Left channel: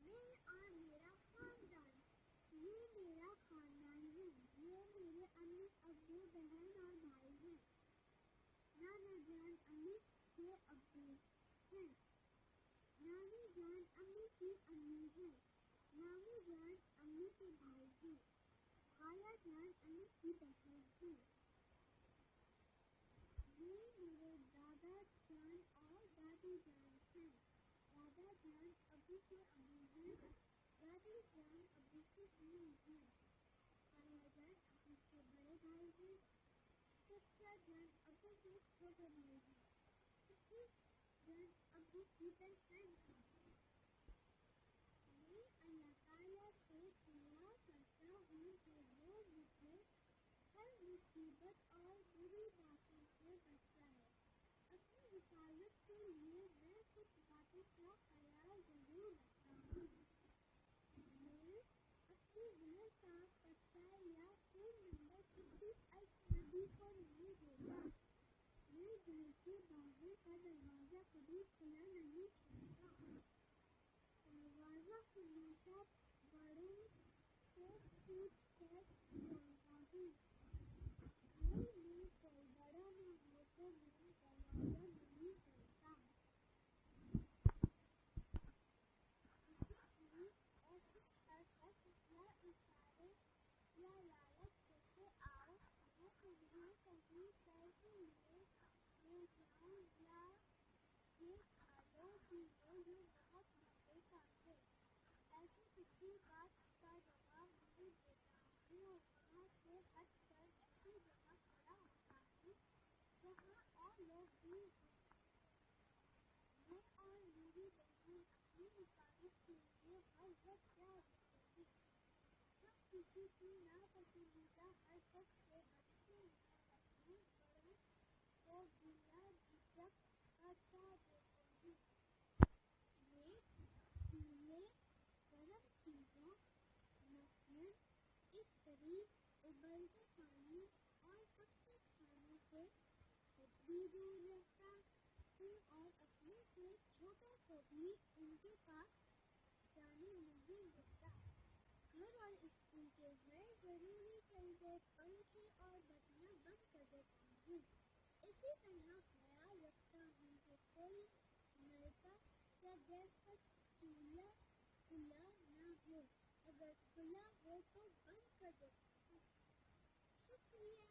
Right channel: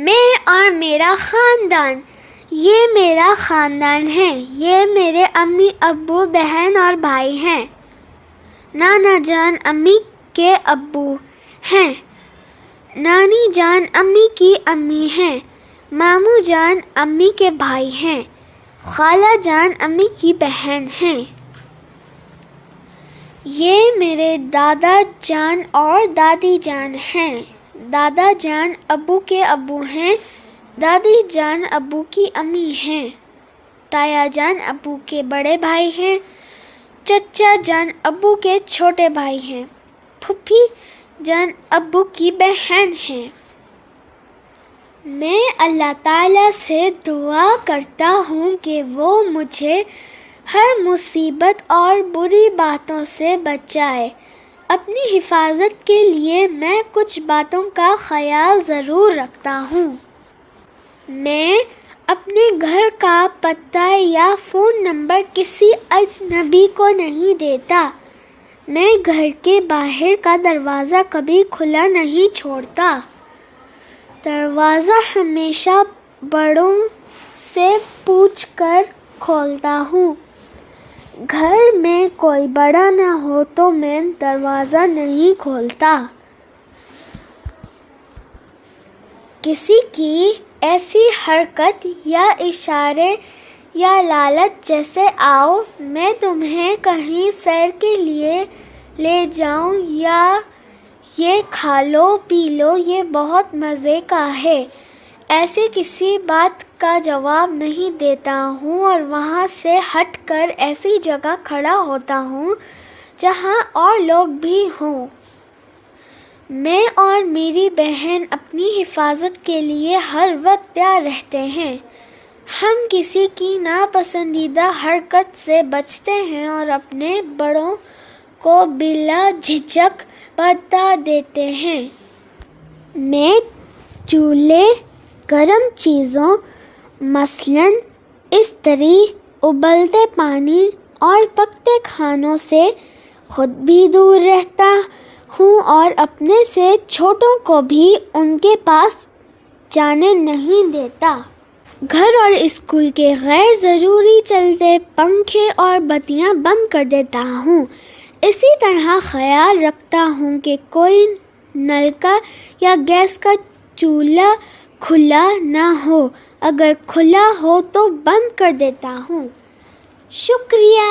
میں اور میرا خاندان، یہ میرا خاندان ہے، یہ میرے امی ابو بہن اور بھائی ہیں۔ نانا جان امی کے ابو ہیں، نانی جان امی کی امی ہیں، ماموں جان امی کے بھائی ہیں، خالہ جان امی کی بہن ہیں۔ یہ میرے دادا جان اور دادی جان ہیں۔ دادا جان ابو کے ابو ہیں، دادی جان ابو کی امی ہیں، تایا جان ابو کے بڑے بھائی ہیں، چچا جان ابو کے چھوٹے بھائی ہیں، پھوپھی جان ابو کی بہن ہیں۔ میں اللہ تعالیٰ سے دعا کرتا ہوں کہ وہ مجھے ہر مصیبت اور بری باتوں سے بچائے۔ اپنی حفاظت کے لیے میں کچھ باتوں کا خیال ضرور رکھتا ہوں۔ میں اپنے گھر کا پتہ یا فون نمبر کسی اجنبی کو نہیں دیتا۔ میں گھر کے باہر کا دروازہ کبھی کھلا نہیں چھوڑتا۔ دروازہ ہمیشہ بڑوں سے پوچھ کر کھولتا ہوں۔ گھر میں کوئی بڑا نہ ہو تو میں دروازہ نہیں کھولتا۔ کسی کی ایسی حرکت یا اشارے یا لالچ جیسے آؤ میں تمہیں کہیں سیر کے لیے لے جاؤں یا یہ کھا لو پی لو یہ بہت مزے کا ہے، ایسی کسی بات کا جواب نہیں دیتا ہوں اور وہاں سے ہٹ کر ایسی جگہ کھڑا ہوتا ہوں جہاں اور لوگ بھی ہوں۔ میں اور میری بہن اپنی حفاظت کے لیے ہر وقت تیار رہتے ہیں۔ ہم کسی کی ناپسندیدہ حرکت سے بچتے ہیں اور اپنے بڑوں کو بلا جھجک بتا دیتے ہیں۔ میں چولہے، گرم چیزوں مثلاً استری، ابلتے پانی اور پکتے کھانوں سے خود بھی دور رہتا ہوں اور اپنے سے چھوٹوں کو بھی ان کے پاس جانے نہیں دیتا۔ گھر اور اسکول کے غیر ضروری چلتے پنکھے اور بتیاں بند کر دیتا ہوں۔ اسی طرح خیال رکھتا ہوں کہ کوئی نلکا یا گیس کا چولہا کھلا نہ ہو، اگر کھلا ہو تو بند کر دیتا ہوں۔ شکریہ۔